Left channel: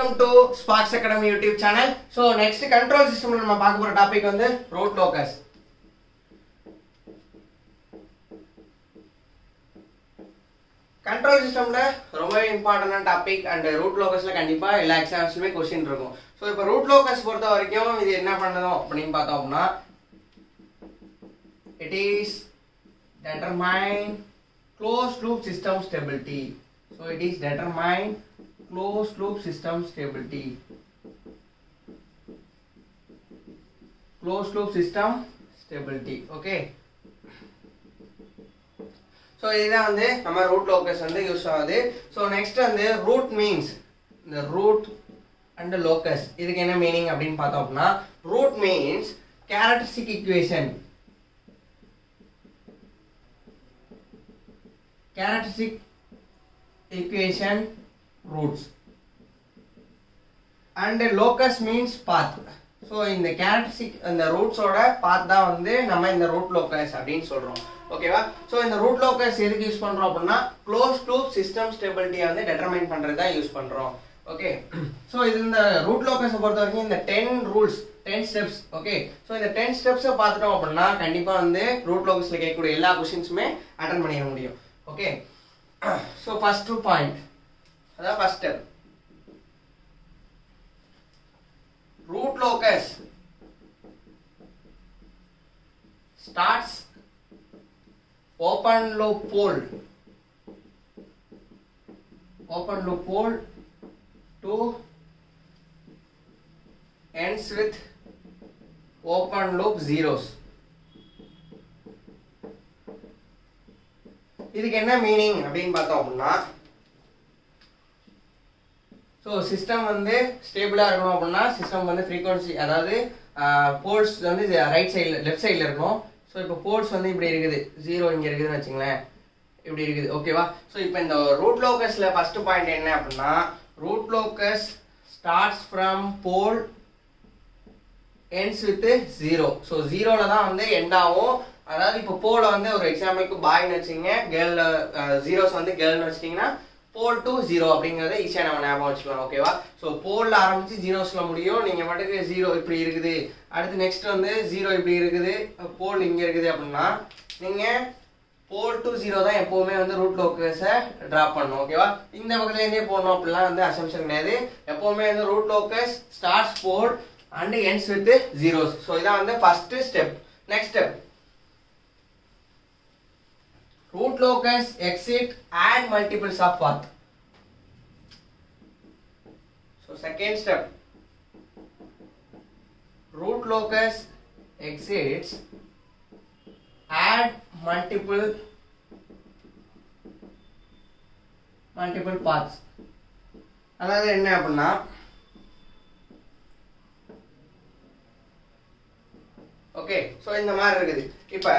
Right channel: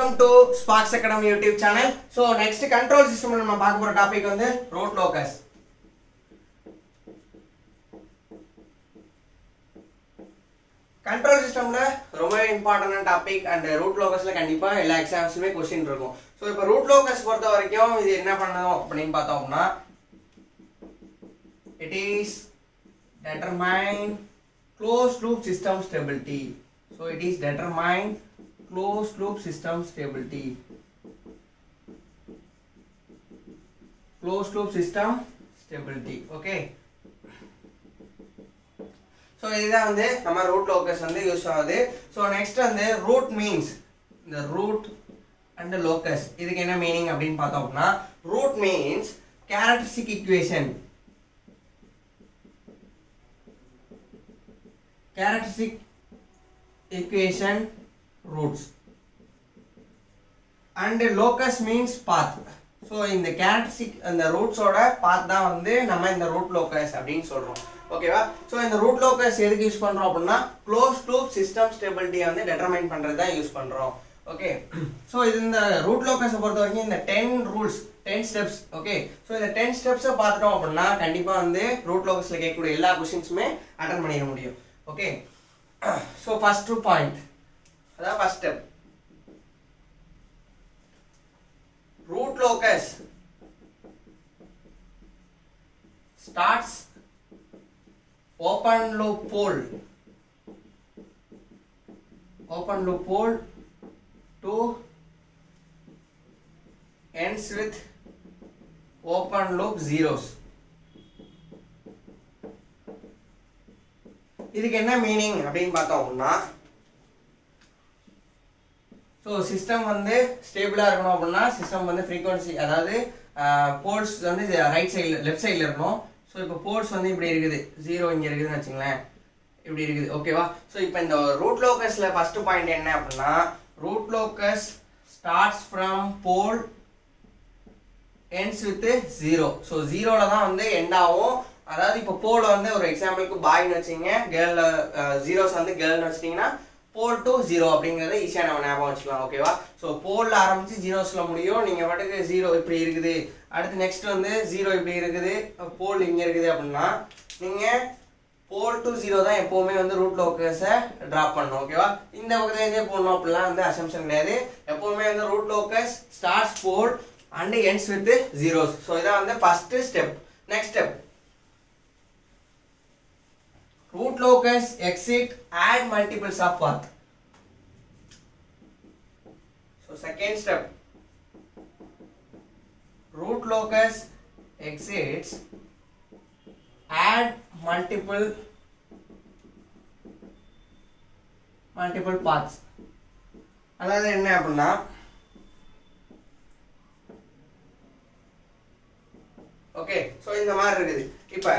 Welcome to Sparks Academy YouTube channel. So next control system நம்ம பார்க்க போற topic வந்து root locus. Control systemல ரொம்ப இம்பார்ட்டன்ட் டாபிக் and root locusல கண்டிப்பா எல்லா எக்ஸாம்ஸ்லயே क्वेश्चन இருக்கும். சோ இப்போ root locus பொறுத்த வரைக்கும் இது என்ன பண்ணனும் அப்படினு பார்த்தோம்னா it is determine closed loop system stability. So it is determine closed loop system stability. Closed loop system stability. Okay. So இதுதான் வந்து நம்ம root locus வந்து யூஸ் ஆகுது. So next வந்து root means the root and the locus. இதுக்கு என்ன meaning அப்படினு பார்த்தோம்னா root means characteristic equation. Characteristic equation roots and locus means path. So in the characteristic and the roots oda path da வந்து நம்ம இந்த root locus அப்படினு சொல்றோம். ஓகேவா? So இந்த root locus எதுக்கு யூஸ் பண்றோம் அப்படினா closed loop system stability வந்து determine பண்றதா யூஸ் பண்றோம். ஓகே. So இது இந்த root locus பொறுத்த வரைக்கும் இந்த 10 rules 10 steps. ஓகே. So இந்த 10 steps பார்த்துட்டோம் அப்படினா கண்டிப்பா வந்து root locusல கேட்கக்கூடிய எல்லா क्वेश्चंसமே அட்டெண்ட் பண்ணிர முடியும். Okay. So first point, that's first step. Root locus starts open loop pole to ends with open loop zeros. இதுக்கு என்ன மீனிங் அப்படினு பார்த்தோம்னா சோ சிஸ்டம் வந்து ஸ்டேபிளா இருக்கணும் அப்படினா சிஸ்டம் வந்து frequency அதாவது போல்ஸ் வந்து ரைட் சைடுல லெஃப்ட் சைடுல இருக்கணும். சோ இப்போ போல்ஸ் வந்து இப்படி இருக்குது 0 இங்க இருக்குதுன்னு வெச்சுங்களேன் இப்படி இருக்குது. ஓகேவா? சோ இப்போ இந்த ரூட் லோகஸ்ல ஃபர்ஸ்ட் பாயிண்ட் என்ன அப்படினா root locus starts from pole ends with 0. So 0ல தான் வந்து எண்ட் ஆகும். அதாவது இப்போ போல் வந்து ஒரு எக்ஸாம்பிளுக்கு பாய்னு வெச்சீங்க கேர்ள் ஜீரோஸ் வந்து கேர்ள்னு வெச்சிட்டீங்கன்னா போல் டு 0 அப்படிங்கறத ஈஸியா நம்ம ஞாபகம் வச்சுக்கலாம். ஓகேவா? சோ போல்ல ஆரம்பிச்சு ஜீரோஸ்ல முடியும். நீங்க பாட்டுக்கு 0 இப்படி இருக்குது, அடுத்து நெக்ஸ்ட் வந்து 0 இப்படி இருக்குது, போல் இங்க இருக்குது அப்படினா நீங்க போல் டு 0 தான் எப்பவுமே வந்து ரூட் லோகஸை டிராப் பண்ணணும். ஓகேவா? இந்த பக்கத்துல இருந்தே போடணும் அப்படிலாம் வந்து அசம்ப்ஷன் கிடையாது. எப்பவுமே வந்து root locus starts pole and ends with zeros. So இதான் வந்து first step. Next step root locus exit add multiples of path. So second step root locus exits add multiple paths. அதாவது என்ன அப்படினா ஓகே. சோ இந்த மாதிரி இருக்குது. இப்போ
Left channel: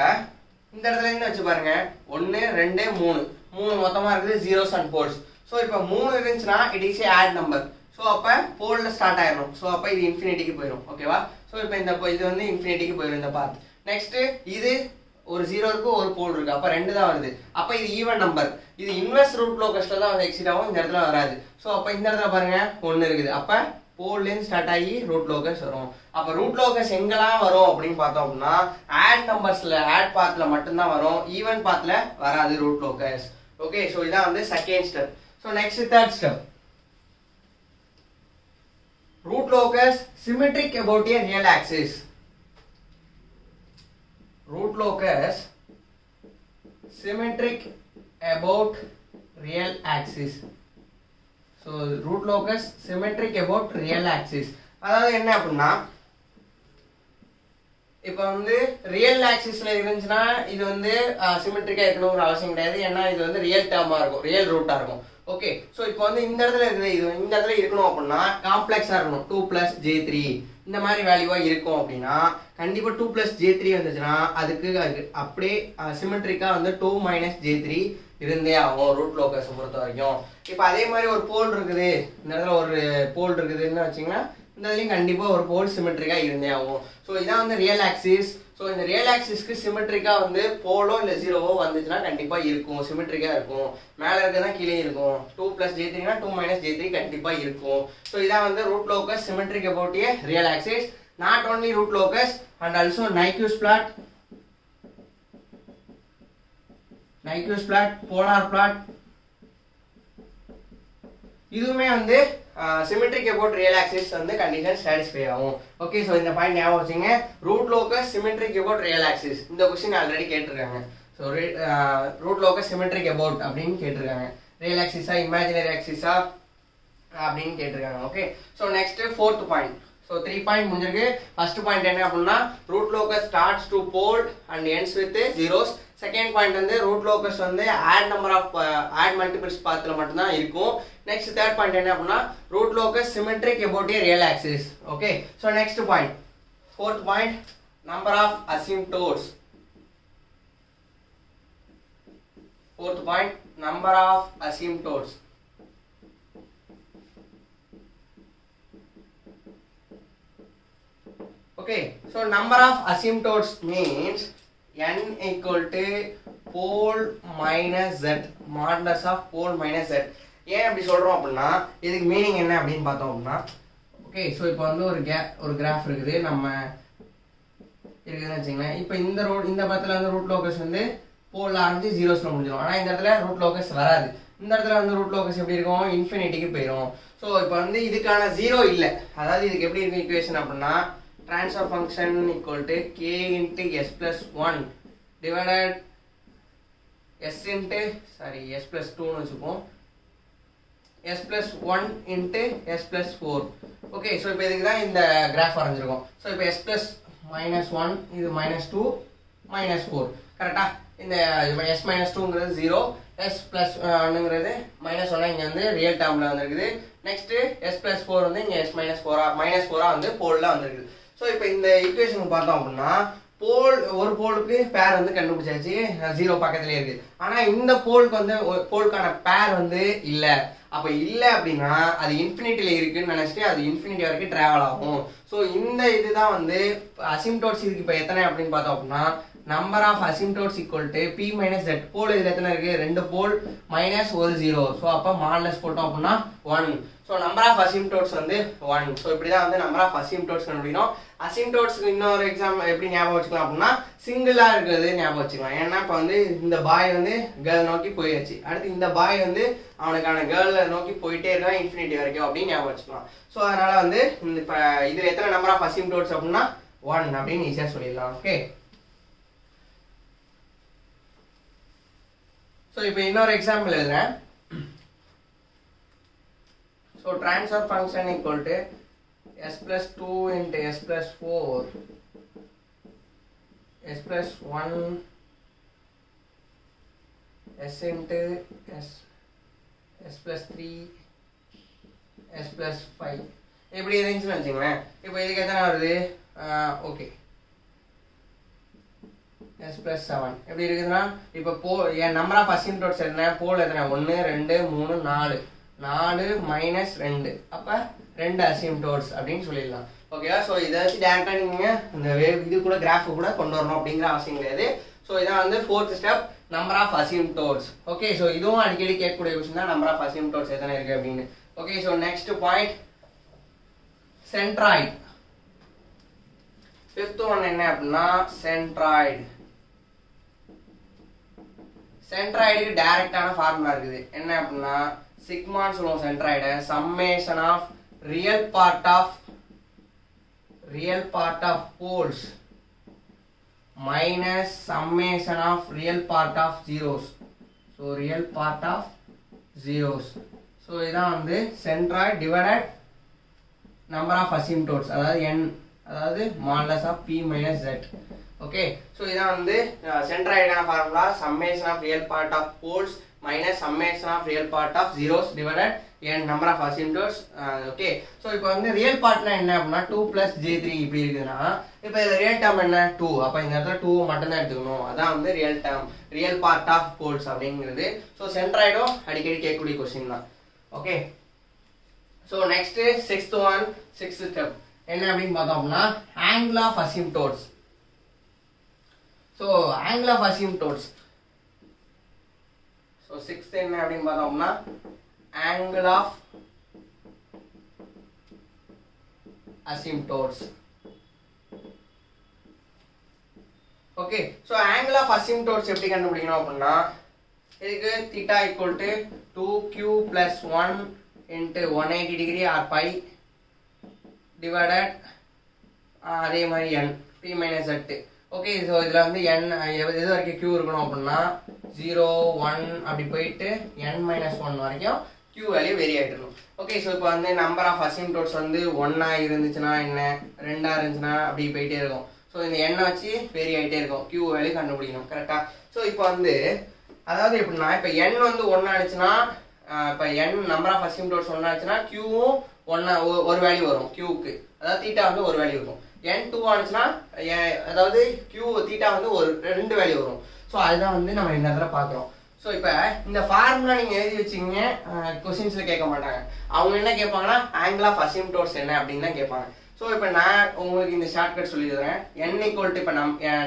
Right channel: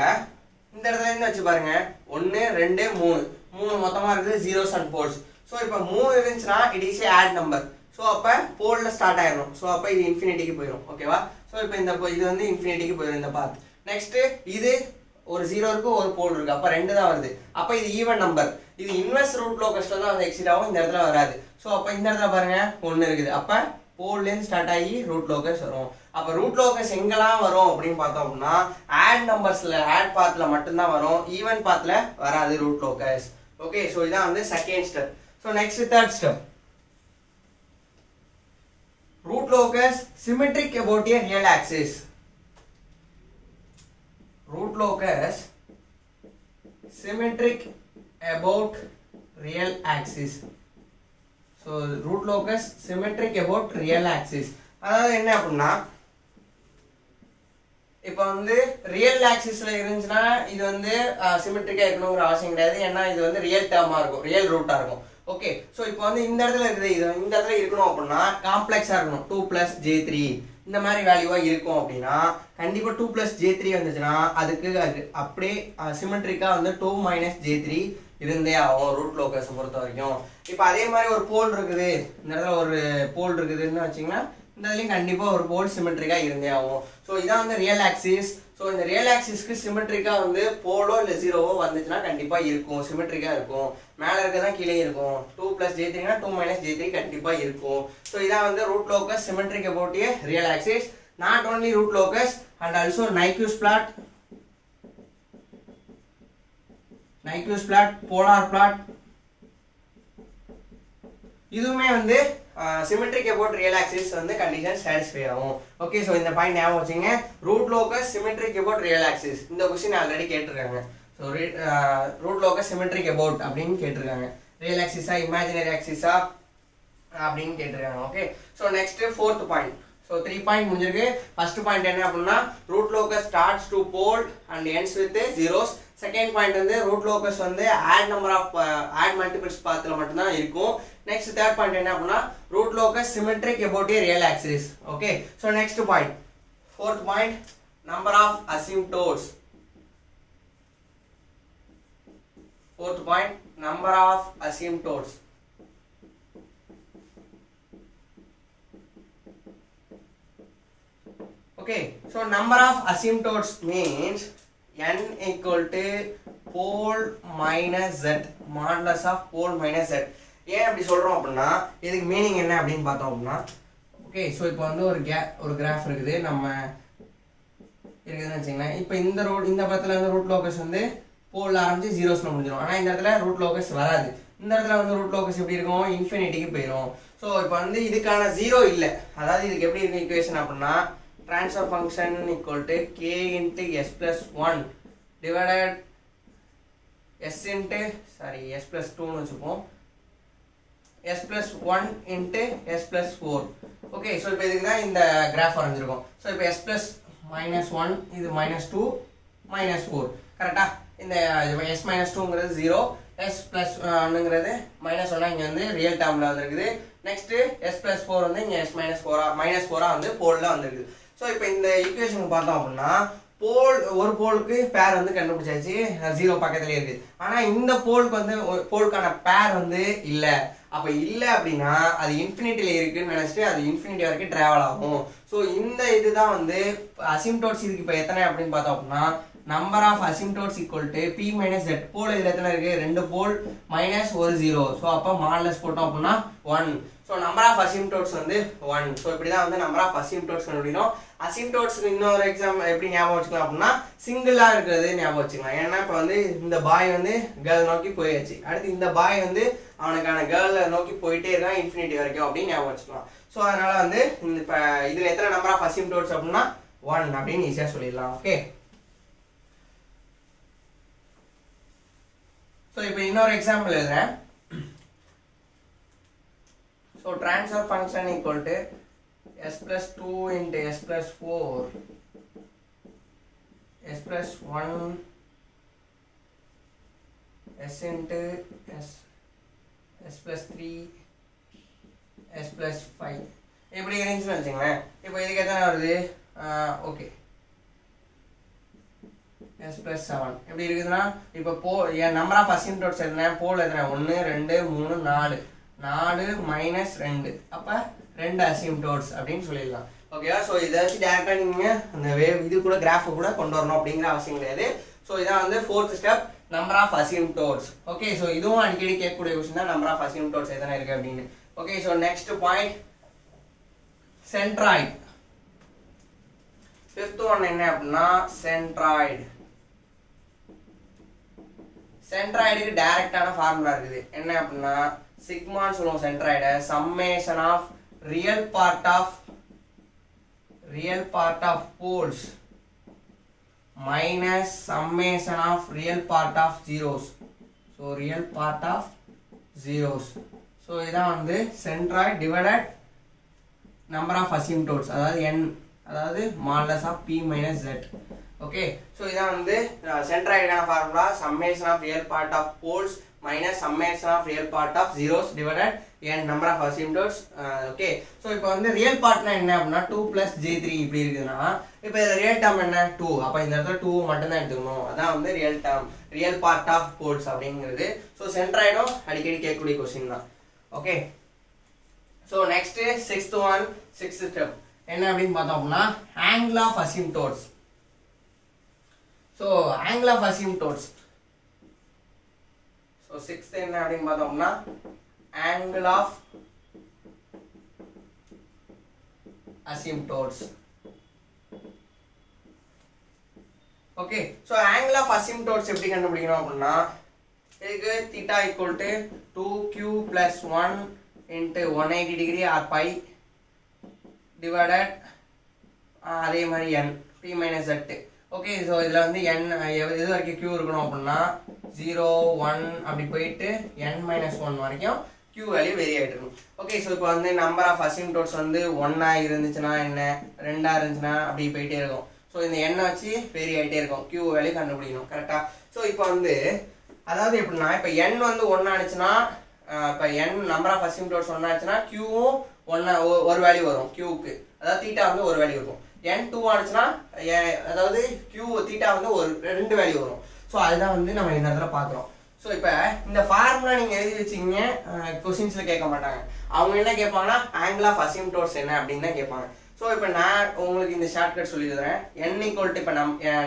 இந்த இடத்துல என்ன வச்சு பாருங்க 1 2 3 மொத்தமா இருக்குது zeros and poles. சோ இப்போ 3 இருந்துச்சுனா it is a add number. So அப்ப போல்ல ஸ்டார்ட் ஆயிரும். சோ அப்ப இது இன்ஃபினிட்டிக்கு போயிடும். ஓகேவா? சோ இப்போ இந்த இது வந்து இன்ஃபினிட்டிக்கு போயிடும் இந்த பாத். நெக்ஸ்ட் இது ஒரு 0 இருக்கு ஒரு போல் இருக்கு. அப்ப 2 தான் வருது. அப்ப இது ஈவன் நம்பர். இது இன்வெர்ஸ் ரூட் லோகஸ்ல தான் வந்து எக்ஸிட் ஆகும். இந்த இடத்துல வராது. சோ அப்ப இந்த இடத்துல பாருங்க 1 இருக்குது. அப்ப போல்ல இருந்து ஸ்டார்ட் ஆகி ரூட் லோகஸ் வரும். அப்ப ரூட் லோகஸ் எங்கலாம் வரும் அப்படினு பார்த்தோம்னா ஆட் நம்பர்ஸ்ல ஆட் பாத்ல மட்டும் தான் வரும். ஈவன் பாத்ல வராது ரூட் லோகஸ். ஓகே. சோ இதான் வந்து second step. So next third step root locus symmetric about a real axis. Root locus symmetric about real axis. So root locus symmetric about real axis. அதாவது என்ன அப்படினா இப்போ வந்து real ஆக்சிஸ்ல இருந்துச்சுனா இது வந்து சிமெட்ரிக்கா இருக்கணும்ங்கற அவசியம் கிடையாது. ஏன்னா இது வந்து ரியல் டேர்மா இருக்கும், ரியல் ரூட்டா இருக்கும். ஓகே. சோ இப்போ வந்து இந்த இடத்துல இருக்குது, இது இந்த இடத்துல இருக்கணும் அப்படினா காம்ப்ளெக்ஸா இருக்கணும். 2 + j3 இந்த மாதிரி வேல்யூவா இருக்கும் அப்படினா கண்டிப்பா 2 + j3 வந்துச்சுனா அதுக்கு அப்படியே சிமெட்ரிக்கா வந்து 2 - j3 இருந்தே ஆகும் ரூட் லோகஸ் பொறுத்த வரைக்கும். இப்போ அதே மாதிரி ஒரு போல் இருக்குது, இந்த இடத்துல ஒரு போல் இருக்குதுன்னு வெச்சீங்கன்னா இந்த இடத்துலயும் கண்டிப்பா ஒரு போல் சிமெட்ரிக்கா இருந்தே ஆகும். சோ இதான் வந்து ரியல் ஆக்சிஸ். சோ ஸோ இந்த ரியல் ஆக்சிஸ்க்கு சிமெட்ரிக்கா வந்து போலோ இல்லை ஜீரோவோ வந்துச்சுன்னா கண்டிப்பா இருக்கும், சிமெட்ரிக்கா இருக்கும். மேல இருக்கதான் கீழே இருக்கும். 2 + J3 2 - J3 கண்டிப்பா இருக்கும். ஸோ இதான் வந்து root locus symmetric about a real axis. Not only root locus and also Nyquist plot, polar plot இதுவுமே வந்து சிமெட்ரிக் அபவுட் ரியல் ஆக்சிஸ் வந்து கண்டிஷன் சாட்டிஸ்ஃபை ஆகும். ஓகே, ஸோ இந்த பாயிண்ட் ஞாபகம் வச்சுங்க. Root locus symmetric about real axis இந்த question already கேட்டிருக்காங்க. So root locus symmetric about அப்படின்னு கேட்டிருக்காங்க. ரியல் ஆக்சிஸா இமேஜினரி ஆக்சிஸா அப்படின்னு கேட்டிருக்காங்க. Okay, so next 4th point. So 3 point முடிஞ்சிருக்கு. ஃபர்ஸ்ட் பாயிண்ட் என்ன அப்படின்னா root locus starts to pole and ends with zeros. Second point வந்து ரூட் லோகஸ் வந்து ஆட் மல்டிபிள்ஸ் பாத்துல மட்டும் தான் இருக்கும். நெக்ஸ்ட் தேர்ட் பாயிண்ட் என்ன அப்படின்னா root locus symmetric about a real axis. Okay, so next point 4th point number of asymptotes. 4th point number of asymptotes. Okay, so number of asymptotes means n equal to pole minus z, modulus of pole minus z. ஏன் அப்படி சொல்றோம் அப்படின்னா இதுக்கு meaning என்ன அப்படின்னு பார்த்தோம் அப்படின்னா okay, so இப்போ வந்து ஒரு கிராஃப் இருக்குது நம்ம இருக்குதுன்னு வச்சுங்களேன். இப்போ இந்த படத்துல வந்து ரூட் லோகஸ் வந்து போல்ல ஆரம்பிச்சு ஜீரோஸ்ல முடிஞ்சிடும். ஆனால் இந்த இடத்துல ரூட் லோகஸ் வராது. இந்த இடத்துல வந்து ரூட் லோகஸ் எப்படி இருக்கும், இன்ஃபினிட்டிக்கு போயிடும். ஸோ இப்போ வந்து இதுக்கான ஜீரோ இல்லை. அதாவது இதுக்கு எப்படி இருக்கு ஈக்குவேஷன் அப்படின்னா transfer function equal to k into s plus 1 divided s plus 2 னு வச்சுப்போம், s plus 1 into s plus 4. Okay, so இப்போ இதுக்கு தான் இந்த கிராஃப் வரைஞ்சிருக்கோம். ஸோ இப்போ s plus -1 இது -2 -4 கரெக்டா. இந்த s minus 2ங்கிறது 0, s plus 1ங்கிறது -1 இங்க வந்து ரியல் டேர்ம்ல வந்திருக்குது. நெக்ஸ்ட் s plus 4 வந்து இங்க s minus 4 வந்து போல்ல வந்திருக்குது. ஸோ இப்போ இந்த ஈக்குவேஷன் பார்த்தோம் அப்படின்னா ஒரு போலுக்கு பேர் வந்து கண்டுபிடிச்சாச்சு, 0 பக்கத்துலேயே இருக்கு. ஆனால் இந்த போலுக்கு வந்து போலுக்கான பேர் வந்து இல்லை. அப்போ இல்லை அப்படின்னா அது இன்ஃபினிட்டியில் இருக்குன்னு நினச்சிட்டு அது இன்ஃபினிட்டி வரைக்கும் ட்ராவல் ஆகும். ஸோ இந்த இதுதான் வந்து அசிம்டோட்ஸ். இதுக்கு இப்போ எத்தனை அப்படின்னு பார்த்தோம் அப்படின்னா number of asymptotes equal to p - z. Pole இதில் எத்தனை இருக்கு, 2 போல் மைனஸ் ஒரு 0. ஸோ அப்போ மாடலஸ் போட்டோம் அப்படின்னா 1. ஸோ நம்பர் ஆஃப் அசிம்டோட்ஸ் வந்து 1. ஸோ இப்படி தான் வந்து நம்பர் ஆஃப் அசிம்டோட்ஸ் கண்டுபிடிக்கணும். அசிம்டோட்ஸ்க்கு இன்னொரு எக்ஸாம்பிள் எப்படி ஞாபகம் வச்சுக்கலாம் அப்படின்னா சிங்கிளா இருக்கிறது ஞாபகம் வச்சுக்கலாம். ஏன்னா இப்போ வந்து இந்த பாய் வந்து கேர்ள் நோக்கி போயாச்சு, அடுத்து இந்த பாய் வந்து அவனுக்கான கேர்ளை நோக்கி போயிட்டே இருக்கான் இன்ஃபினிட்டி வரைக்கும் அப்படின்னு ஞாபகம் வச்சுக்கலாம். ஸோ அதனால வந்து இந்த இப்போ இதில் எத்தனை நம்பர் ஆஃப் அசிம்டோட்ஸ் அப்படின்னா 1 அப்படின்னு ஈஸியாக சொல்லிடலாம். ஓகே, ஸோ இப்போ இன்னொரு எக்ஸாம்பிள் எழுதுறேன். So transfer function equal to s plus 2 into s plus 4 s plus 1 s into s plus 3 s plus 5 இப்படி இருந்துச்சுன்னு வச்சுக்கோங்களேன். இப்போ இதுக்கு எத்தனை வருது, ஓகே s plus 7 எப்படி இருக்குதுன்னா இப்போ என் நம்பர் ஆஃப் அசிம்டோட்ஸ் எத்தனை, போல் எத்தனை 1 2 3 4 மைனஸ் 2 அப்போ 2 அசிம்டோட்ஸ் அப்படின்னு சொல்லிடலாம். ஓகேவா. ஸோ இதை வச்சு டேரக்டாக நீங்கள் அந்த இது கூட கிராஃப் கூட கொண்டு வரணும் அப்படிங்கிற அவசியம் கிடையாது. ஸோ இதான் வந்து 4th step number of asymptotes. Okay, so இதுவும் அடிக்கடி கேட்கக்கூடிய விஷயம் தான் நம்பர் ஆஃப் அசிம்டோட்ஸ் எத்தனை இருக்கு அப்படின்னு. Okay, so next point centroid. 5th one என்ன அப்படின்னா சென்ட்ராய்டு. சென்ட்ராய்டுக்கு டைரக்டான ஃபார்முலா இருக்குது. என்ன அப்படின்னா சிக்மான்னு சொல்லுவோம் சென்ட்ராய்டை. Summation of real part of poles minus summation of real part of zeros. So real part of zeros. So இதான் வந்து centroid divided number of asymptotes, அதாவது n, அதாவது modulus of p - z. Okay, so இதான் வந்து சென்ட்ராய்டுக்கான formula. Summation of real part of poles minus summation of real part of zeros divided n number of asymptotes. Okay, so இப்போ வந்து real பார்ட்னா என்ன அப்படின்னா 2 + J3 இப்படி இருக்குதுன்னா இப்போ இதில் ரியல் டேர்ம் என்ன 2. அப்போ இந்த இடத்துல 2 மட்டும் தான் எடுத்துக்கணும். அதான் வந்து real term, real part of poles அப்படிங்கிறது. ஸோ சென்ட்ராய்டும் அடிக்கடி கேட்கக்கூடிய கொஸ்டின் தான். Okay, so next 6th step என்ன அப்படின்னு பார்த்தோம் அப்படின்னா angle of asymptotes. So angle of asymptotes. So sixth என்ன அப்படின்னு பார்த்தோம்னா angle of asymptotes. Okay, so angle of asymptotes எப்படி கண்டுபிடிக்கணும் அப்படின்னா இதுக்கு theta equal to 2q plus 1 into 180 degree or pi divided அதே மாதிரி n p minus z. Okay, so இதில் வந்து n எது வரைக்கும் q இருக்கணும் அப்படின்னா 0 1 அப்படி போயிட்டு n minus 1 வரைக்கும் q வேல்யூ வெரி ஆகிட்டு இருக்கும். ஓகே, ஸோ இப்போ வந்து நம்பர் ஆஃப் அசிம்டோட்ஸ் வந்து 1 இருந்துச்சுன்னா என்ன, 2 இருந்துச்சுன்னா அப்படி போயிட்டே இருக்கும். ஸோ இந்த எண்ணை வச்சு வெரி ஆகிட்டே இருக்கும், q வேல்யூ கண்டுபிடிக்கணும் கரெக்டா. ஸோ இப்போ வந்து அதாவது எப்படின்னா இப்போ n வந்து 1 ஆச்சுன்னா இப்போ n நம்பர் ஆஃப் அசிம்டோட்ஸ் 1 ஆச்சுன்னா qவும் 1 ஒரு வேல்யூ வரும் qக்கு, அதாவது தீட்டா வந்து ஒரு வேல்யூ இருக்கும். n 2 ஆச்சுன்னா அதாவது q தீட்டா வந்து ஒரு 2 வேல்யூ வரும். ஸோ அதுதான் வந்து நம்ம இந்த இடத்துல பார்க்குறோம். ஸோ இப்போ இந்த ஃபார்முலா நீங்கள் எழுதி வச்சிங்க, கொஸ்டின்ஸில் கேட்க மாட்டாங்க. அவங்க என்ன கேட்பாங்கன்னா ஆங்கிள் ஆஃப் அசிம்டோட்ஸ் என்ன அப்படின்னு தான் கேட்பாங்க. ஸோ இப்போ நான் உங்களுக்கு இந்த ஷார்ட்கட் சொல்லிடுறேன். n ஈக்குவல் டு இப்போ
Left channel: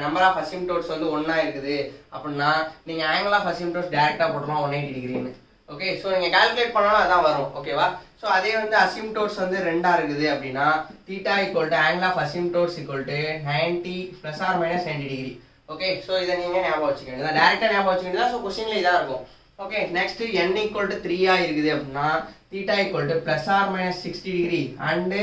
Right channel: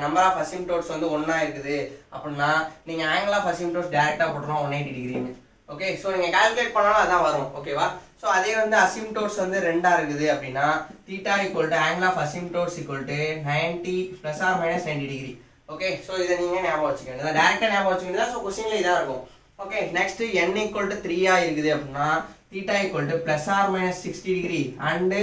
நம்பர் ஆஃப் அசிம்டோட்ஸ் வந்து 1 இருக்குது அப்படின்னா நீங்கள் ஆங்கிள் ஆஃப் அசிம்டோட்ஸ் டேரெக்டாக போட்டுருவோம் 180 டிகிரின்னு. ஓகே, ஸோ நீங்கள் கால்குலேட் பண்ணாலும் அதான் வரும். ஓகேவா. ஸோ அதே வந்து அசிம்டோட்ஸ் வந்து 2 இருக்குது அப்படின்னா theta equal to angle of asymptotes equal to 90 plus or minus 90 degree. Okay, so இதை நீங்கள் ஞாபகம் வச்சுக்கோங்க, இதை டேரெக்டாக ஞாபகம் வச்சுக்கிட்டா ஸோ கொஸ்டின்ல இதாக இருக்கும். Okay, next n equal to 3 இருக்குது அப்படின்னா theta equal to plus or minus 60 degree and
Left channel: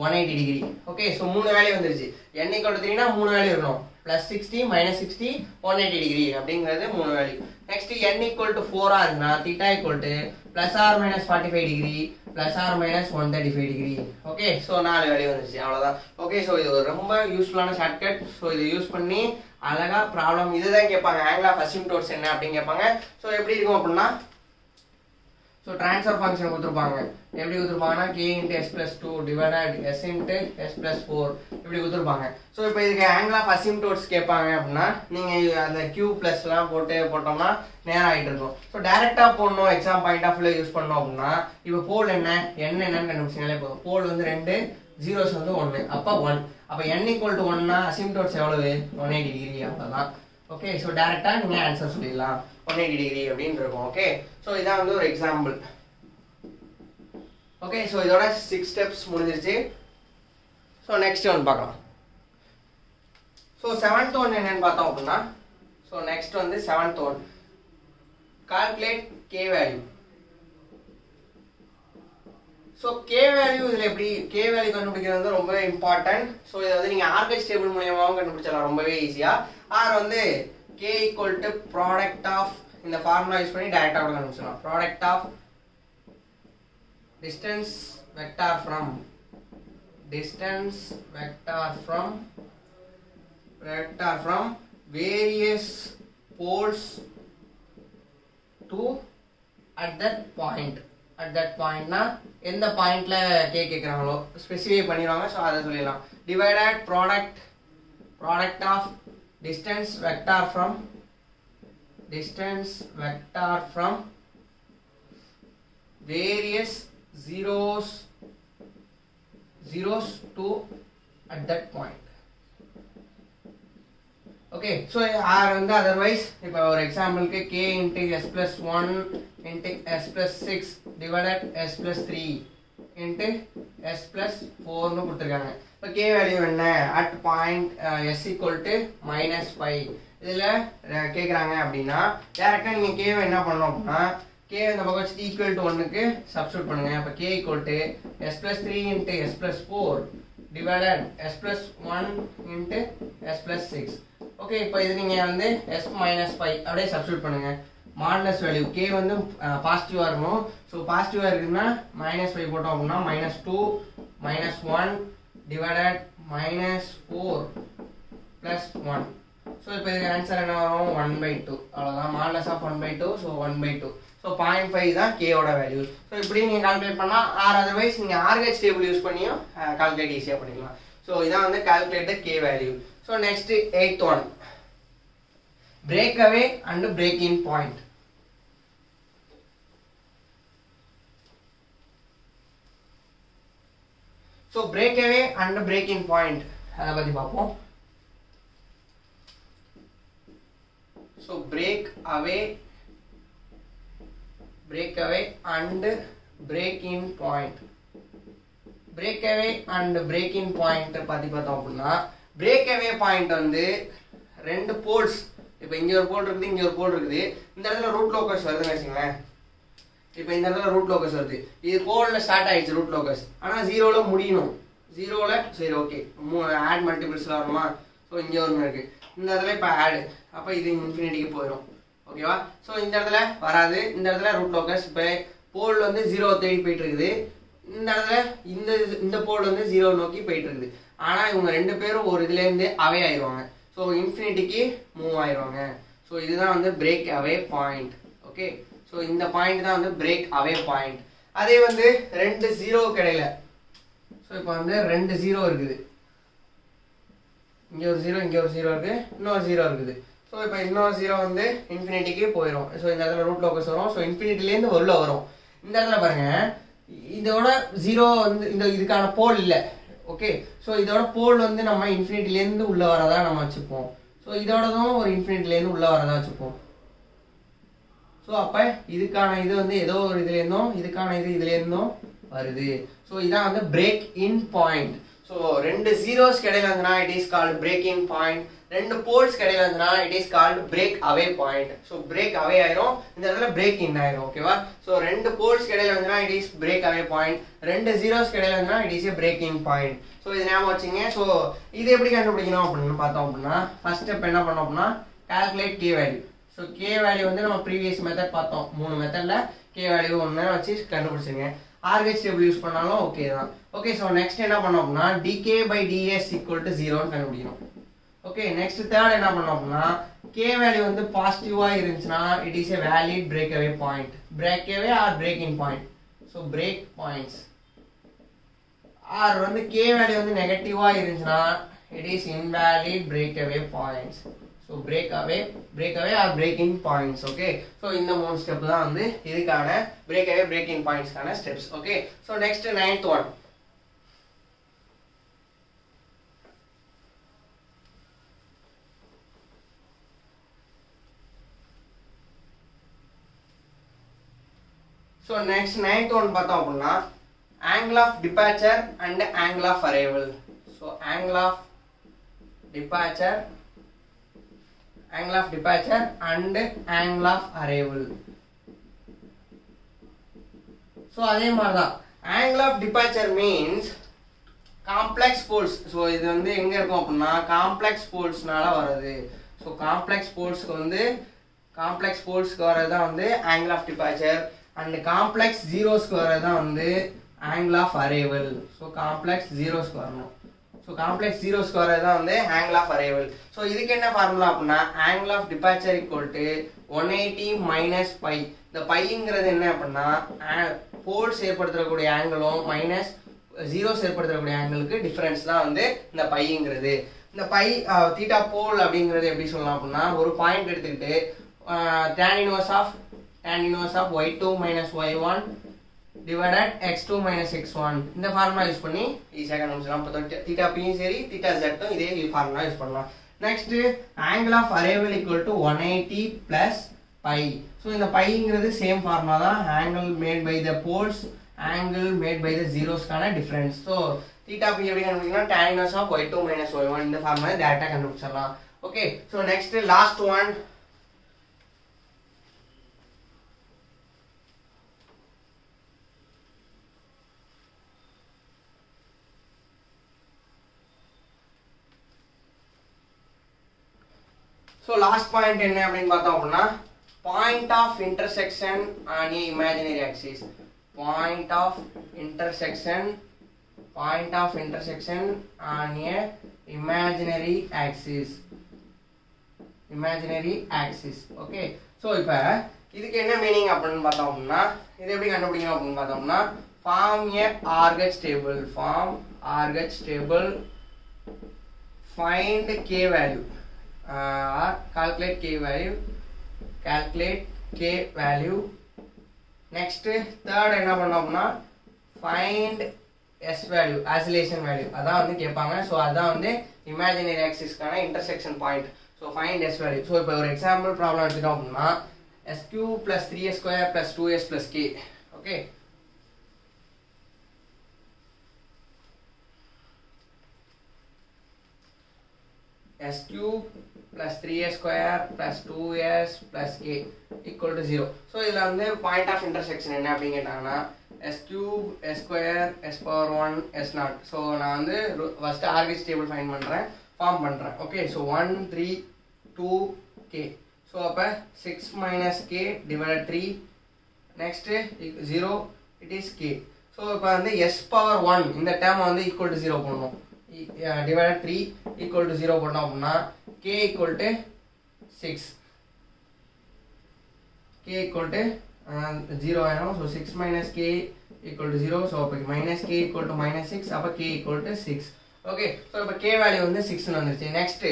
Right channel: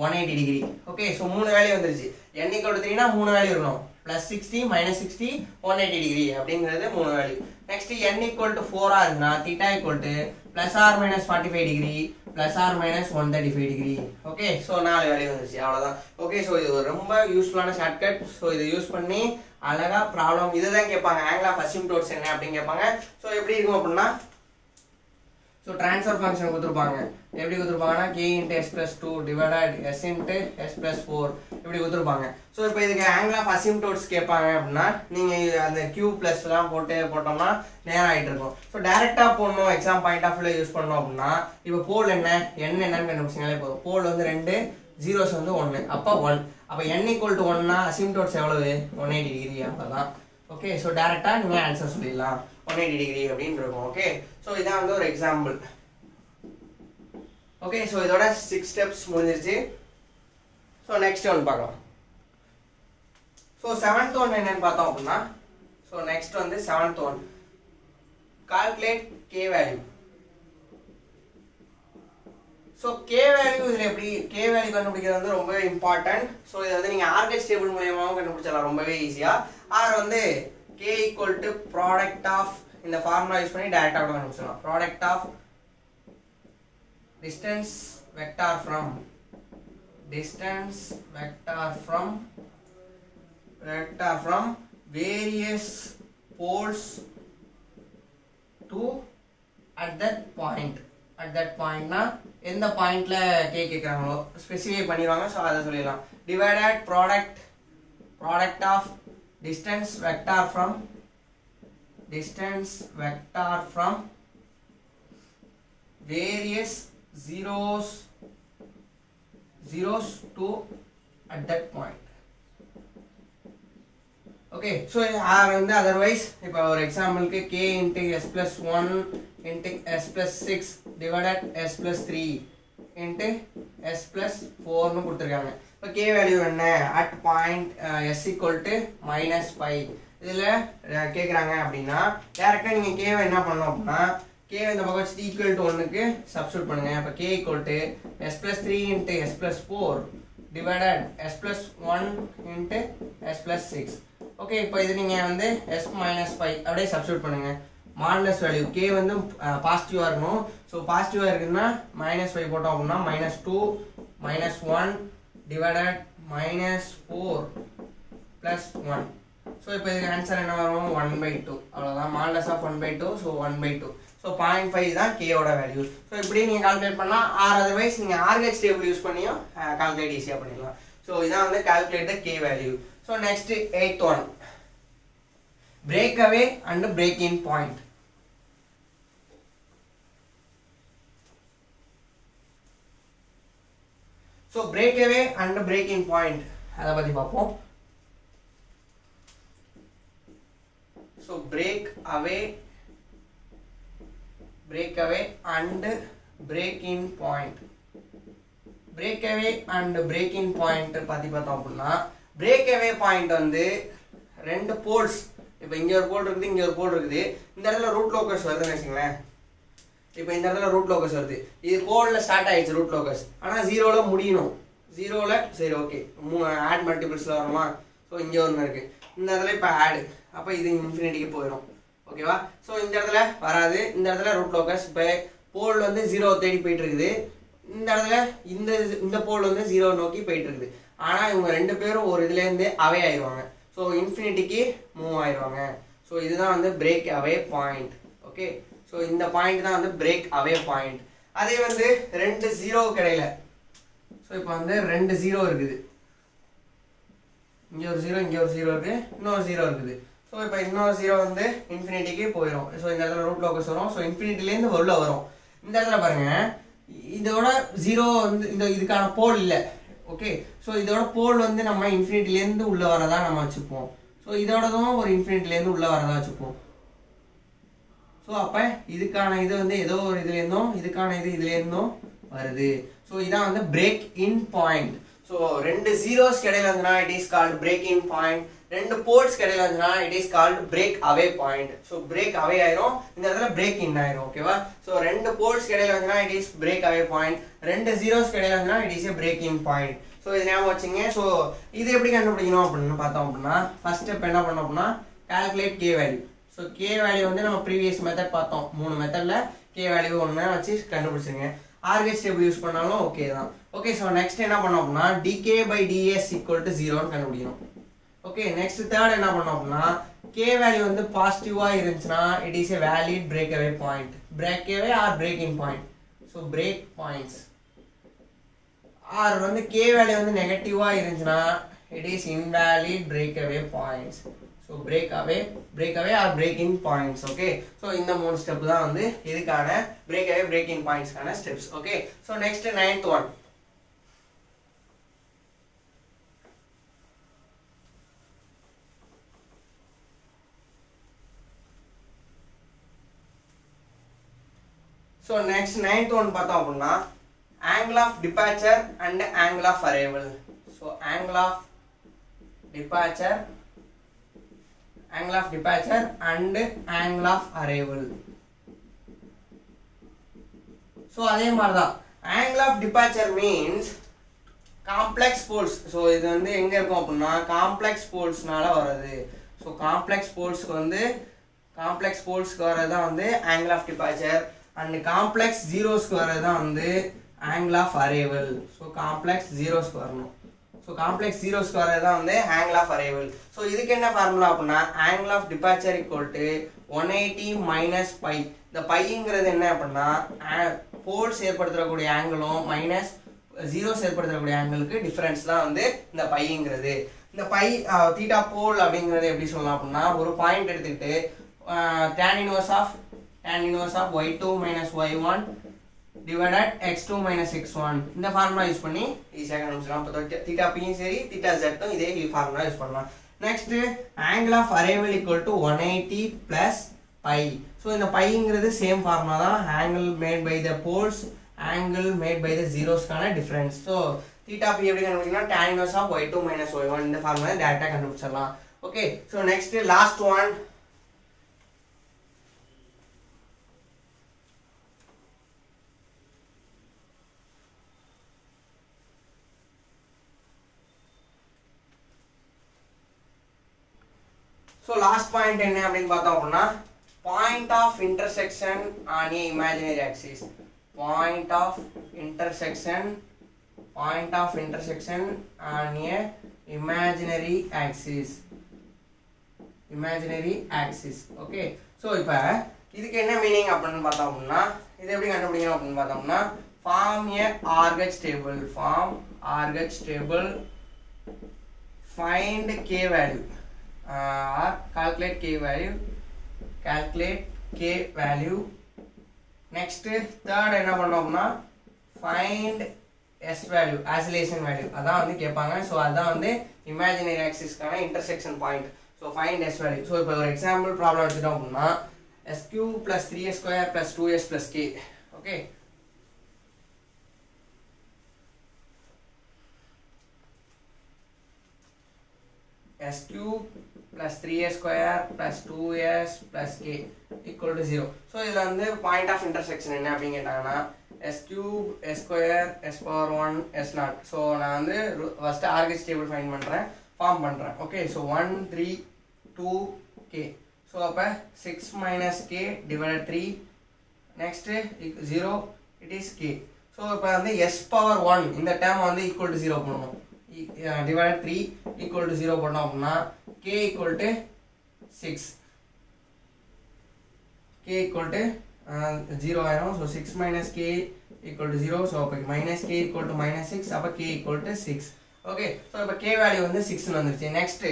180 degree. Okay, so 3 value வந்துருச்சு. n ஈக்குவல் டு 3னா 3 வேல்யூ இருக்கணும், ப்ளஸ் 60 மைனஸ் 60 180 டிகிரி அப்படிங்கிறது 3 value. Next n equal to 4 இருக்குன்னா theta equal to plus or minus 45 degree plus or minus 135 degree. Okay, so 4 value வந்துருச்சு, அவ்வளோதான். Okay, so இது ஒரு ரொம்ப யூஸ்ஃபுல்லான ஷார்ட்கட். ஸோ இதை யூஸ் பண்ணி அழகா ப்ராப்ளம் இதுதான் கேட்பாங்க, ஆங்கிள் ஆஃப் அசிம்டோட்ஸ் என்ன அப்படின்னு கேட்பாங்க. ஸோ எப்படி இருக்கும் அப்படின்னா ஸோ ட்ரான்ஸ்ஃபர் ஃபங்க்ஷன் கொடுத்துருப்பாங்க. எப்படி கொடுத்துருப்பாங்கன்னா k into s plus 2 divided s into s plus 4 இப்படி கொடுத்துருப்பாங்க. ஸோ இப்போ இதுக்கு ஆங்கிள் ஆஃப் அசிம்டோட்ஸ் கேட்பாங்க அப்படின்னா நீங்கள் அந்த q ப்ளஸ்லாம் போட்டோம்னா நேரம் ஆகிட்டு இருக்கும். ஸோ டேரெக்டாக போடணும், எக்ஸாம் பாயிண்ட் ஆஃப் வியூவில் யூஸ் பண்ணோம் அப்படின்னா இப்போ போல் என்னன்னு கண்டுபிடிச்சிங்களே போதும். போல் வந்து 2, ஜீரோஸ் வந்து 1, அப்போ 1. அப்போ n ஈக்குவல் டு 1னா அசிம்டோட்ஸ் எவ்வளவு 180 டிகிரி அவ்வளோதான். ஓகே, ஸோ டேரெக்டாக நீங்கள் ஆன்சர் சொல்லிடலாம் 180 டிகிரி அப்படின்னு இருக்கும். ஓகே, ஸோ இதான் வந்து ஒரு எக்ஸாம்பிள். ஓகே, ஸோ இதோட 6 ஸ்டெப்ஸ் முடிஞ்சிருச்சு. ஸோ நெக்ஸ்ட் ஒன் பார்க்கலாம். ஸோ 7th ஒன் என்னன்னு பார்த்தோம் அப்படின்னா ஸோ நெக்ஸ்ட் வந்து 7th one calculate k value. So k value இதில் எப்படி k வேல்யூ கண்டுபிடிக்கிறது வந்து ரொம்ப இம்பார்ட்டன்ட். ஸோ இதை வந்து நீங்கள் ஆர்கெஸ் டேபிள் மூலியமாகவும் கண்டுபிடிச்சலாம் ரொம்பவே ஈஸியாக. ஆர் வந்து k equal to product of இந்த ஃபார்முலா யூஸ் பண்ணி டைரக்டா கூட கண்டுபிடிச்சலாம். product of distance vector from various poles to at that point னா எந்த பாயிண்ட்ல k கேக்குறாங்களோ ஸ்பெசிஃபை பண்ணிடுவாங்க. ஸோ அதை சொல்லிடலாம். divided product of distance vector from various zeros to at that point. Okay, so otherwise இப்போ ஒரு எக்ஸாம்பிளுக்கு k into s plus 1 into s plus 6 divided s plus 3 into s plus 4 னு கொடுத்திருக்காங்க. இப்போ k value என்ன at point s equal to -5 இதுல கேக்குறாங்க அப்படின்னா டைரக்டா நீங்க k வை என்ன பண்ணணும் அப்படின்னா k இந்த பக்கம் வச்சு equal to 1 க்கு சப்ஸ்டிட்யூட் பண்ணுங்க. அப்ப k equal to s plus 3 into s plus 4 divided s plus 1 into s plus 6. Okay, இப்போ இது நீங்க வந்து s minus 5 அப்படியே சப்ஸ்டிட்யூட் பண்ணுங்க. மாடுலஸ் வேல்யூ k வந்து பாசிட்டிவா இருக்கணும். ஸோ பாசிட்டிவா இருக்குன்னா -5 போட்டோம் அப்படின்னா -2 -1 divided -4 plus 1. ஸோ இப்போ இதுக்கு ஆன்சர் என்ன வரும் 1/2. அவ்வளோதான், மாடுலஸ் ஆஃப் 1/2. ஸோ 1/2. ஸோ 0.5 தான் கேவோட வேல்யூ. ஸோ இப்படி நீங்கள் கால்குலேட் பண்ணால் ஆர் அதர்வைஸ் நீங்கள் ஆர்ஹெச் டேபிள் யூஸ் பண்ணியும் கால்குலேட் ஈஸியாக பண்ணிடலாம். ஸோ இதான் வந்து calculate the K value. So next 8th one break away and break in point. So break away and break in point அதை பற்றி பார்ப்போம். So break away and break in point. Break away and break in point பத்தி பார்த்தோம் அப்படின்னா, break away point வந்து ரெண்டு poles, இப்போ இங்க ஒரு போல் இருக்குது, இங்க ஒரு போல் இருக்குது, இந்த இடத்துல ரூட் லோக்கஸ் வருதுன்னு வச்சுங்களேன். இப்போ இந்த இடத்துல ரூட் லோக்கஸ் வருது, இது கோல்ல ஸ்டார்ட் ஆயிடுச்சு ரூட் லோக்கஸ், ஆனால் ஜீரோல முடியணும். ஜீரோல சரி ஓகே ஆட் மல்டிபிள்ஸ்ல வருமா. ஸோ இங்கே ஒன்று இருக்கு, இந்த இடத்துல இப்போ ஆடு, அப்போ இது இன்ஃபினிட்டிக்கு போயிடும். ஓகேவா. ஸோ இந்த இடத்துல வராது, இந்த இடத்துல ரூட் லோக்கஸ். இப்போ போல் வந்து ஜீரோ தேடி போயிட்டு இருக்குது, இந்த இடத்துல இந்த போல் வந்து ஜீரோ நோக்கி போயிட்டு இருக்குது. ஆனால் இவங்க ரெண்டு பேரும் ஒரு இதுலேருந்து அவே ஆயிடுவாங்க. ஸோ இன்ஃபினிட்டிக்கு மூவ் ஆயிடுவாங்க. ஸோ இதுதான் வந்து break away point. Okay. So இந்த பாயிண்ட் தான் வந்து பிரேக் அவே பாயிண்ட். அதே வந்து ரெண்டு ஜீரோ கிடையில, ஸோ இப்போ வந்து ரெண்டு ஜீரோ இருக்குது, இங்கே ஒரு ஜீரோ, இங்கே ஒரு ஜீரோ இருக்கு, இன்னொரு ஜீரோ இருக்குது. ஸோ இப்போ இன்னொரு ஜீரோ வந்து இன்ஃபினிட்டிக்கு போயிடும். ஸோ இந்த இடத்துல ரூட் லோக்கஸ் வரும். ஸோ இன்ஃபினிட்டிலேருந்து உள்ள வரும். இந்த இடத்துல பாருங்க, இதோட ஜீரோ வந்து இதுக்கான போல் இல்லை. ஓகே. ஸோ இதோட போல் வந்து நம்ம இன்ஃபினிட்டிலேருந்து உள்ள வரதா நம்ம வச்சுப்போம். ஸோ இதோடதும் ஒரு இன்ஃபினிட்டிலேருந்து உள்ள வரதா வச்சுப்போம். ஸோ அப்போ இதுக்கான இது வந்து ஏதோ ஒரு இதுலேருந்தும், இதுக்கான இது இதுலேருந்தும் வருது. ஸோ இதான் வந்து பிரேக் இன் பாயிண்ட். ஸோ ரெண்டு ஜீரோஸ் கிடையில இருந்துன்னா it is called break in point. ரெண்டு போல்ஸ் கிடையில இருந்துன்னா it is called break away point. So break அவே ஆயிரும், இந்த இடத்துல பிரேக் இன் ஆயிரும். ஓகேவா. ஸோ ரெண்டு போல்ஸ் கிடையில இருந்துன்னா it is break away point, ரெண்டு ஜீரோஸ் கிடையில இருந்துன்னா it is A break in point. So இது ஞாபகம் வச்சுங்க. ஸோ இது எப்படி கண்டுபிடிக்கணும் அப்படின்னு பார்த்தோம் அப்படின்னா, ஃபர்ஸ்ட் ஸ்டெப் என்ன பண்ணோம் அப்படின்னா, calculate K value. So K value வந்து நம்ம ப்ரீவியஸ் மெத்தட் பார்த்தோம், 3 மெத்தட்ல கே வேல்யூ ஒன்று வச்சு கண்டுபிடிச்சிருங்க. ஆர்கெச் டேபிள் யூஸ் பண்ணாலும் ஓகே தான். ஓகே. ஸோ நெக்ஸ்ட் என்ன பண்ணோம் அப்படின்னா, dK by dS equal to 0ன்னு கண்டுபிடிக்கணும். ஓகே. நெக்ஸ்ட் தேர்ட் என்ன பண்ணோம் அப்படின்னா, கே வேல்யூ வந்து பாசிட்டிவா இருந்துச்சுன்னா it is a valid break away point. Break away or break in point. So break points. Or வந்து கே வேல்யூ வந்து நெகட்டிவா இருந்துச்சுன்னா it is invalid break away points. So break away or break in points. Okay. So இந்த 3 step தான் வந்து இதுக்கான break away break in பாயிண்ட்ஸ்க்கான steps. Okay. So next 9th one. So next 9th one பார்த்தோம் அப்படின்னா, angle of departure and angle of arrival. So angle of departure and angle of arrival. So அதே மாதிரி தான் angle of departure means complex poles. So இது வந்து எங்க இருக்கும் அப்படின்னா, complex polesனால வருது. So complex polesக்கு வரது தான் வந்து angle of departure, and complex zeros வரது தான் வந்து angle of arrival. So complex zeros வரணும். So complex zeros வரது தான் வந்து angle of arrival. So இதுக்கு என்ன ஃபார்முலா அப்படின்னா, angle of departure equal to 180 minus pi. இந்த பைங்கிறது என்ன அப்படின்னா, போல்ஸ் ஏற்படுத்தக்கூடிய ஆங்கிளும் மைனஸ் ஜீரோஸ் ஏற்படுத்தக்கூடிய ஆங்கிளுக்கு டிஃபரன்ஸ் தான் வந்து இந்த பைங்கிறது. இந்த பை தீட்டா போல் அப்படிங்கிறது எப்படி சொல்லலாம் அப்படின்னா, ஒரு பாயிண்ட் எடுத்துக்கிட்டு tan inverse of y2 minus y1 divided x2 minus x1 இந்த ஃபார்முலா யூஸ் பண்ணி ஈஸியாக கண்டுபிடிச்சலாம். அப்போ தீட்டா பியும் சரி தீட்டா ஜெட்டும் இதே ஃபார்முலா யூஸ் பண்ணலாம். Next angle of arrival equal to 180 plus pi. So இந்த பைங்கிறது சேம் ஃபார்முலா தான், angle made by the poles, angle made by the zeros-க்கான டிஃபரன்ஸ். ஸோ தீட்டா பி எப்படி கண்டுபிடிக்கணும், tan inverse of y2 minus y1 இந்த formula டைரக்டா கண்டுபிடிச்சிடலாம். Okay. So next last one. So last point என்ன அப்படினு பார்த்தோம் அப்படினா, point of intersection on a imaginary axis. Point of intersection on a imaginary axis. Okay. So இப்போ இதுக்கு என்ன மீனிங் அப்படினு பார்த்தோம் அப்படினா, இது எப்படி கண்டுபிடிக்கணும் அப்படினு பார்த்தோம்னா, form a Argach table, find k value. Or calculate k value. Next third என்ன பண்ணோம்னா, find s value, oscillation value. அதான் வந்து கேட்பாங்க. ஸோ அதான் வந்து imaginary axis-க்கான intersection point. So find s value. So இப்போ ஒரு எக்ஸாம்பிள் ப்ராப்ளம் எடுத்துட்டோம் அப்படின்னா s cube plus 3s² plus 2s plus k. Okay, s cube plus 3s square plus 2s plus k equal to 0. So இதில் வந்து point of intersection என்ன அப்படின்னு கேட்டாங்கன்னா s cube s square s power 1 s naught. So நான் வந்து first RHS table find பண்ணுறேன், form பண்ணுறேன். Okay, so 1 3 2 k. So அப்போ 6 minus k divided 3 next 0 it is k. So இப்போ வந்து s power 1 இந்த டேர்மை வந்து equal to 0 பண்ணணும். divided 3 equal to 0 பண்ணோம் அப்படின்னா k equal to 6, k equal to 0 ஆயிரும். So 6 minus k equal to 0. So அப்போ minus k equal to minus 6, அப்போ k equal to 6. Okay, so இப்போ k வேல்யூ வந்து 6 வந்துருச்சு. நெக்ஸ்ட்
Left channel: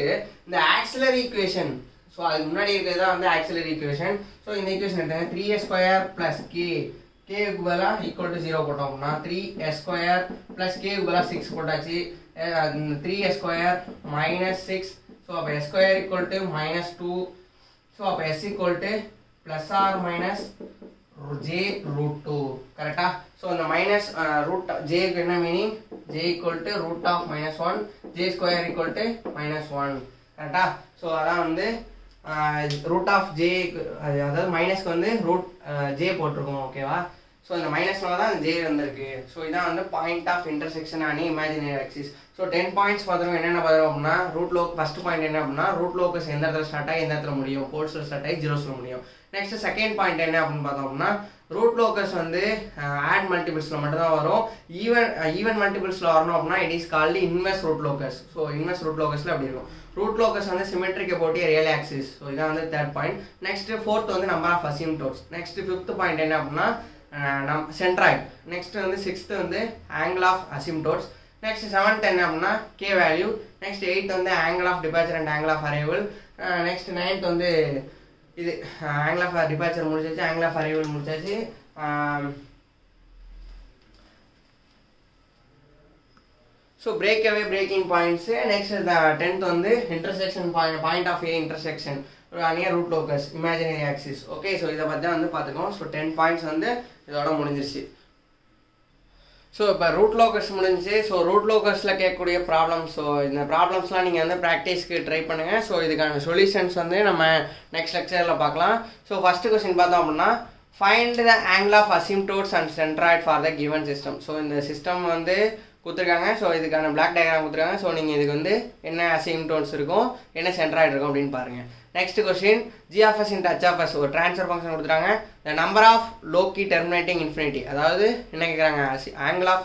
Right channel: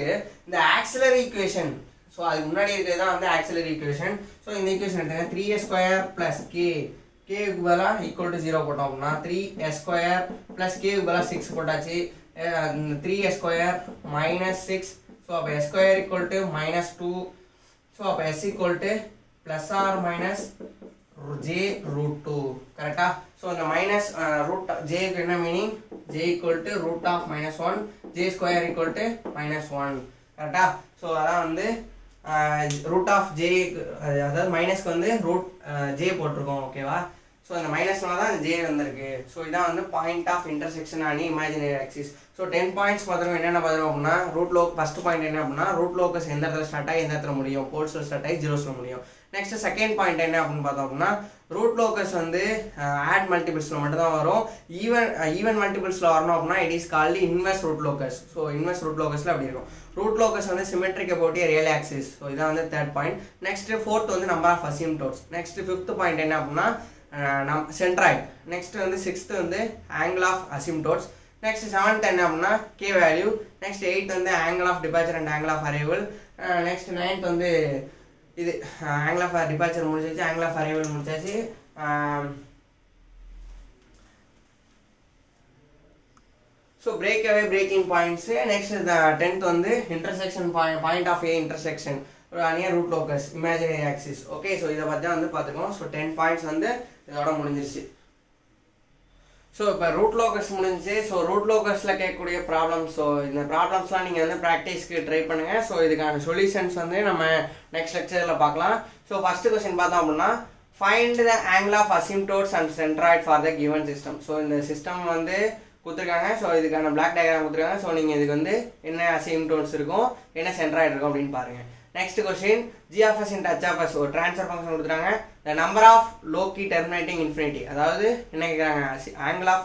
இந்த ஆக்சிலரி ஈக்குவேஷன், ஸோ அதுக்கு முன்னாடி இருக்கிறது தான் வந்து ஆக்சிலரி ஈக்குவேஷன். ஸோ இந்த ஈக்குவேஷன் எடுத்தாங்க 3s² plus k, k க்கு பதிலா equal to 0 போட்டோம் அப்படின்னா 3s² plus k க்கு பதிலா 6 போட்டாச்சு. 3s² minus 6. So அப்போ s² equal to minus 2. So அப்போ s equal to plus or minus j root 2. கரெக்டா? ஸோ அந்த மைனஸ் ரூட் j க்கு என்ன meaning? j equal to root of minus 1, j square equal to minus 1. கரெக்டா? So அதான் வந்து root of j, அதாவது மைனஸ்க்கு வந்து ரூட் j போட்டிருக்கோம். ஓகேவா? ஸோ அந்த மைனஸ்னால தான் ஜே வந்திருக்கு. ஸோ இதான் வந்து பாயிண்ட் ஆஃப் இன்டர்செக்ஷன் அணி இமேஜினரி ஆக்சிஸ். ஸோ 10 பாயிண்ட்ஸ் பார்த்துருவோம். என்னென்ன பார்த்துருவோம் அப்படின்னா ஃபர்ஸ்ட் பாயிண்ட் என்ன அப்படின்னா ரூட் லோக்கஸ் எந்த இடத்துல ஸ்டார்ட் ஆகி எந்த இடத்துல முடியும், போல்ஸில் ஸ்டார்ட் ஆகி ஜீரோஸில் முடியும். நெக்ஸ்ட் செகண்ட் பாயிண்ட் என்ன அப்படின்னு பார்த்தோம் அப்படின்னா ரூட் லோக்கஸ் வந்து ஆட் மல்டிபிள்ஸில் மட்டும் தான் வரும். ஈவன் மல்டிபிள்ஸில் வரணும் அப்படின்னா it is called inverse root locus. So inverse root லோக்கஸில் அப்படி இருக்கும். ரூட் லோக்கஸ் வந்து symmetric about real axis. So இதான் வந்து தேர்ட் பாயிண்ட். நெக்ஸ்ட் ஃபோர்த் வந்து number of asymptotes. Next fifth point என்ன அப்படின்னா சென்ட்ராய்ட். நெக்ஸ்ட் வந்து சிக்ஸ்த் வந்து angle of asymptotes. Next seventh என்ன அப்படின்னா கே வேல்யூ. நெக்ஸ்ட் 8th வந்து angle of departure and angle of arrival. Next 9th வந்து இது ஆங்கிள் ஆஃப் டிபார்ச்சர் முடிச்சாச்சு, ஆங்கிள் ஆஃப் அரைவல் முடிச்சாச்சு. So breaking points. Next 10th வந்து intersection point of a intersection near root locus imaginary axis. Okay, so இதை பற்றி தான் வந்து பார்த்துக்கோம். So 10 points வந்து இதோட முடிஞ்சிருச்சு. ஸோ இப்போ ரூட் லோக்கஸ் முடிஞ்சிச்சு. ஸோ ரூட் லோக்கஸில் கேட்கக்கூடிய ப்ராப்ளம்ஸ், ஸோ இந்த ப்ராப்ளம்ஸ்லாம் நீங்கள் வந்து ப்ராக்டிஸ்க்கு ட்ரை பண்ணுங்கள். ஸோ இதுக்கான சொல்யூஷன்ஸ் வந்து நம்ம நெக்ஸ்ட் லெக்சரில் பார்க்கலாம். ஸோ ஃபஸ்ட்டு கொஸ்டின் பார்த்தோம் அப்படின்னா find the angle of asymptotes and centroid for the given system. So இந்த சிஸ்டம் வந்து கொடுத்துருக்காங்க. ஸோ இதுக்கான பிளாக் டயக்ராம் கொடுத்துருக்காங்க. ஸோ நீங்கள் இதுக்கு வந்து என்ன அசிம்டோட்ஸ் இருக்கும், என்ன சென்ட்ராய்டு இருக்கும் அப்படின்னு பாருங்கள். Next question g of s into h of s ஒரு ட்ரான்ஸ்ஃபர் ஃபங்க்ஷன் கொடுத்துருக்காங்க. the number of low key terminating infinity, அதாவது என்ன கேட்குறாங்க, ஆங்கிள் ஆஃப்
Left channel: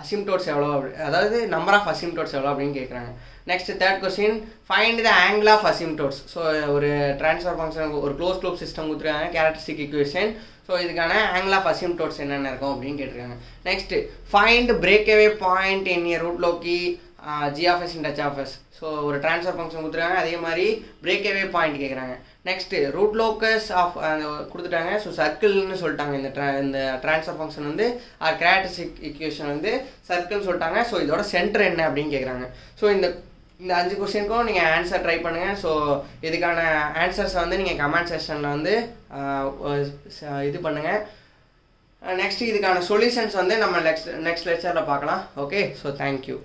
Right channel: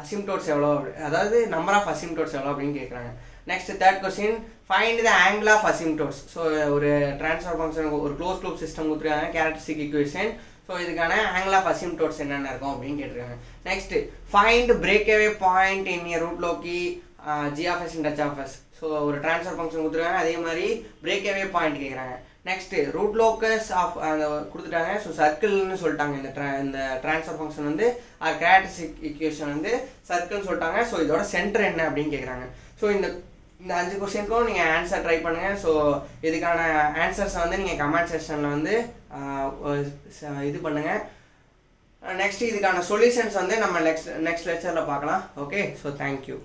அசிம்டோட்ஸ் எவ்வளோ, அதாவது நம்பர் ஆஃப் அசிம்டோட்ஸ் எவ்வளோ அப்படின்னு கேட்குறாங்க. Next third question find the angle of asymptotes. So ஒரு ட்ரான்ஸ்ஃபர் ஃபங்க்ஷன் ஒரு க்ளோஸ் லூப் சிஸ்டம் கொடுத்துருக்காங்க, கேரக்டரிஸ்டிக் ஈக்குவேஷன். ஸோ இதுக்கான ஆங்கிள் ஆஃப் அசிம்டோட்ஸ் என்னென்ன இருக்கும் அப்படின்னு கேட்டிருக்காங்க. Next find breakaway point in a root loci g of s into h of s. So ஒரு transfer function கொடுத்துருக்காங்க, அதே மாதிரி பிரேக்அவே பாயிண்ட் கேட்குறாங்க. நெக்ஸ்ட் ரூட் லோக்கஸ் ஆஃப் கொடுத்துட்டாங்க. ஸோ சர்க்கிள்னு சொல்லிட்டாங்க. இந்த ட்ரான்ஸ்ஃபர் ஃபங்க்ஷன் வந்து கேரக்டரிஸ்டிக் ஈக்குவேஷன் வந்து சர்க்கிள்னு சொல்லிட்டாங்க. ஸோ இதோட சென்டர் என்ன அப்படின்னு கேட்குறாங்க. ஸோ இந்த 5 கொஸ்டினுக்கும் நீங்கள் ஆன்சர் ட்ரை பண்ணுங்கள். ஸோ இதுக்கான ஆன்சர்ஸை வந்து நீங்கள் கமெண்ட் செக்ஷனில் வந்து இது பண்ணுங்கள். நெக்ஸ்ட் இதுக்கான சொல்யூஷன்ஸ் வந்து நம்ம நெக்ஸ்ட் லெக்சரில் பார்க்கலாம். Okay, so thank you.